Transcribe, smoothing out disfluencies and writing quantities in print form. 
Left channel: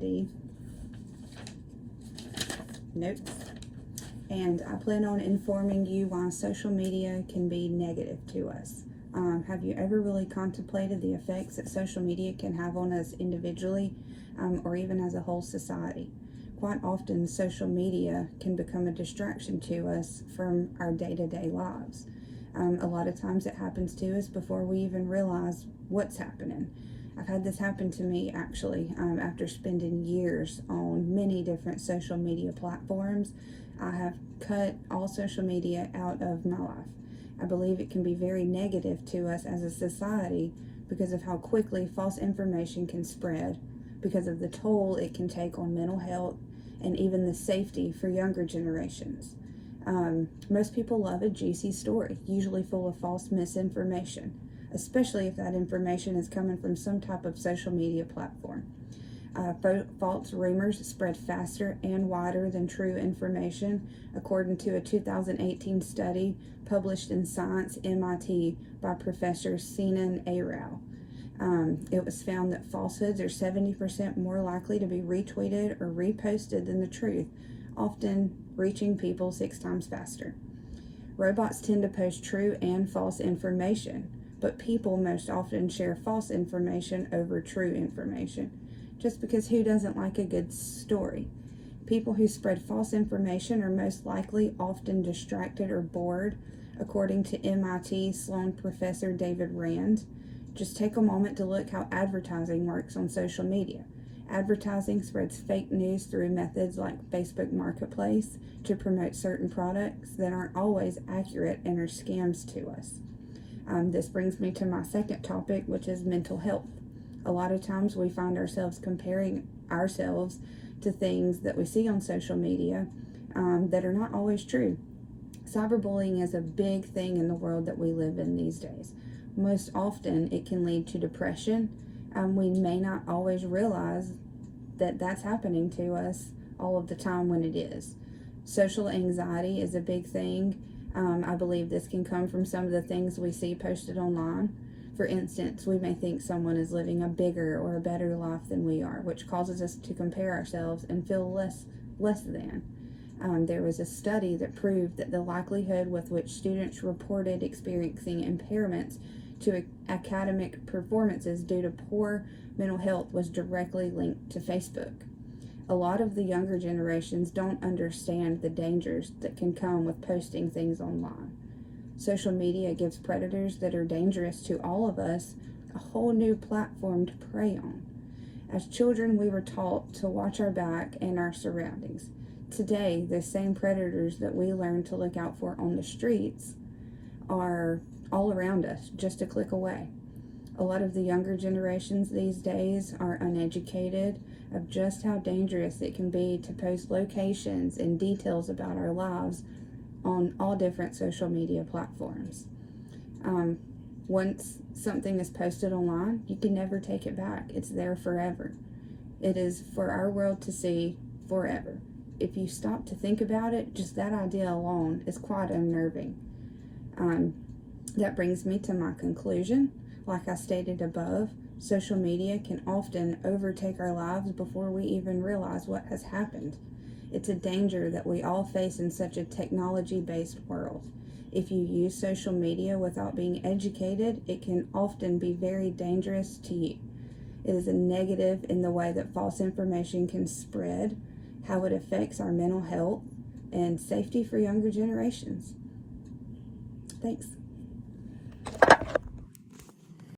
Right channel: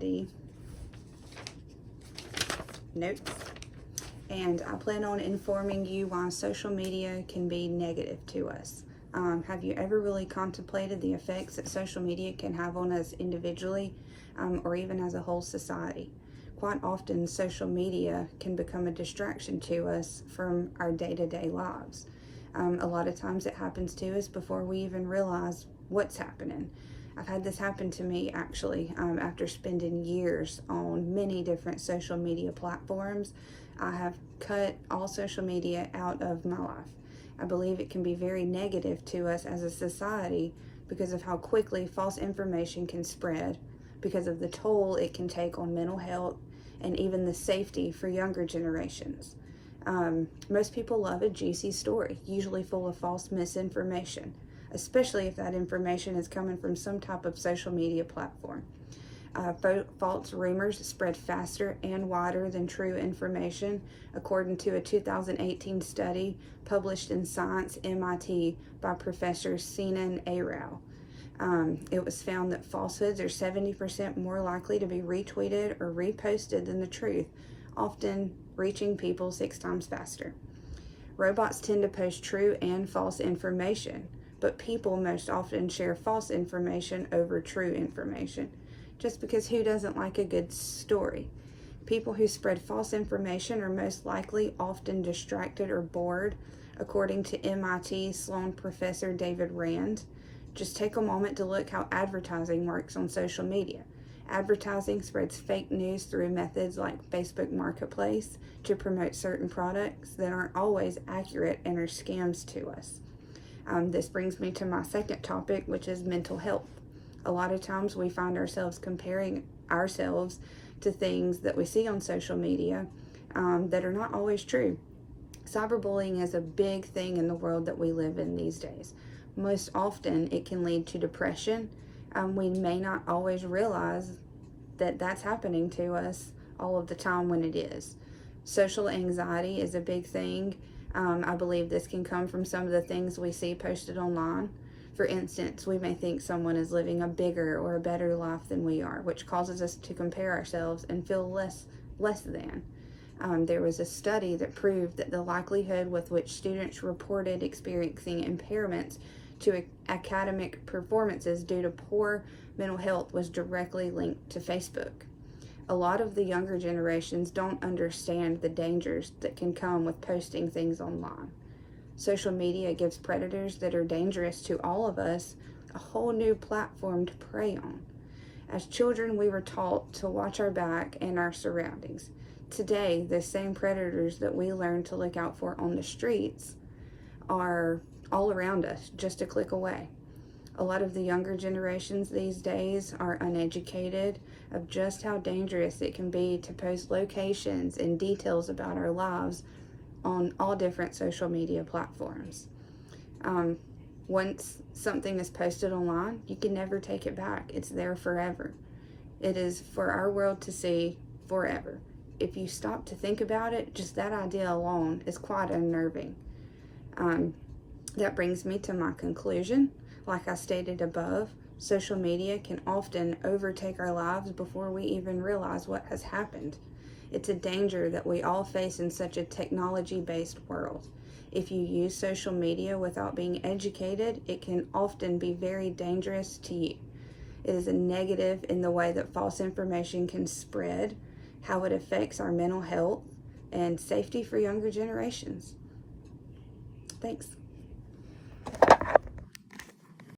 anxiety notes, and I plan on informing you why social media can be negative to us. Have you ever really contemplated the effects that social media can have on us individually, or even as a whole society? Quite often, social media can become a distraction to us from our day-to-day lives. A lot of times it happens to us before we even realize what's happening. I've had this happen to me actually after spending years on many different social media platforms. I have cut all social media out of my life. I believe it can be very negative to us as a society because of how quickly false information can spread, because of the toll it can take on mental health and even the safety for younger generations. Most people love a juicy story, usually full of false misinformation, especially if that information is coming from some type of social media platform. False rumors spread faster and wider than true information, according to a 2018 study published in Science MIT by Professor Sinan Arao. It was found that falsehoods are 70% more likely to be retweeted or reposted than the truth, often reaching people 6 times faster. Robots tend to post true and false information, but people most often share false information over true information, just because who doesn't like a good story? People who spread false information are most likely often distracted or bored, according to MIT Sloan professor David Rand. Just take a moment to look how advertising works on social media. Advertising spreads fake news through methods like Facebook Marketplace to promote certain products that aren't always accurate and are scams to us. This brings me to my second topic, which is mental health. A lot of times we find ourselves comparing ourselves to things that we see on social media that are not always true. Cyberbullying is a big thing in the world that we live in these days. Most often it can lead to depression. We may not always realize that that's happening to us all of the time when it is. Social anxiety is a big thing. I believe this can come from some of the things we see posted online. For instance, we may think someone is living a bigger or a better life than we are, which causes us to compare ourselves and feel less than. There was a study that proved that the likelihood with which students reported experiencing impairments to academic performances due to poor mental health was directly linked to Facebook. A lot of the younger generations don't understand the dangers that can come with posting things online. Social media gives predators that are dangerous to all of us a whole new platform to prey on. As children, we were taught to watch our back and our surroundings. Today, the same predators that we learn to look out for on the streets are all around us, just a click away. A lot of the younger generations these days are uneducated of just how dangerous it can be to post locations and details about our lives on all different social media platforms. Once something is posted online, you can never take it back. It's there forever. It is for our world to see forever. If you stop to think about it, just that idea alone is quite unnerving. That brings me to my conclusion. Like I stated above, social media can often overtake our lives before we even realize what has happened. It's a danger that we all face in such a technology-based world. If you use social media without being educated, it can often be very dangerous to you. It is a negative in the way that false information can spread, how it affects our mental health, and safety for younger generations. Thanks.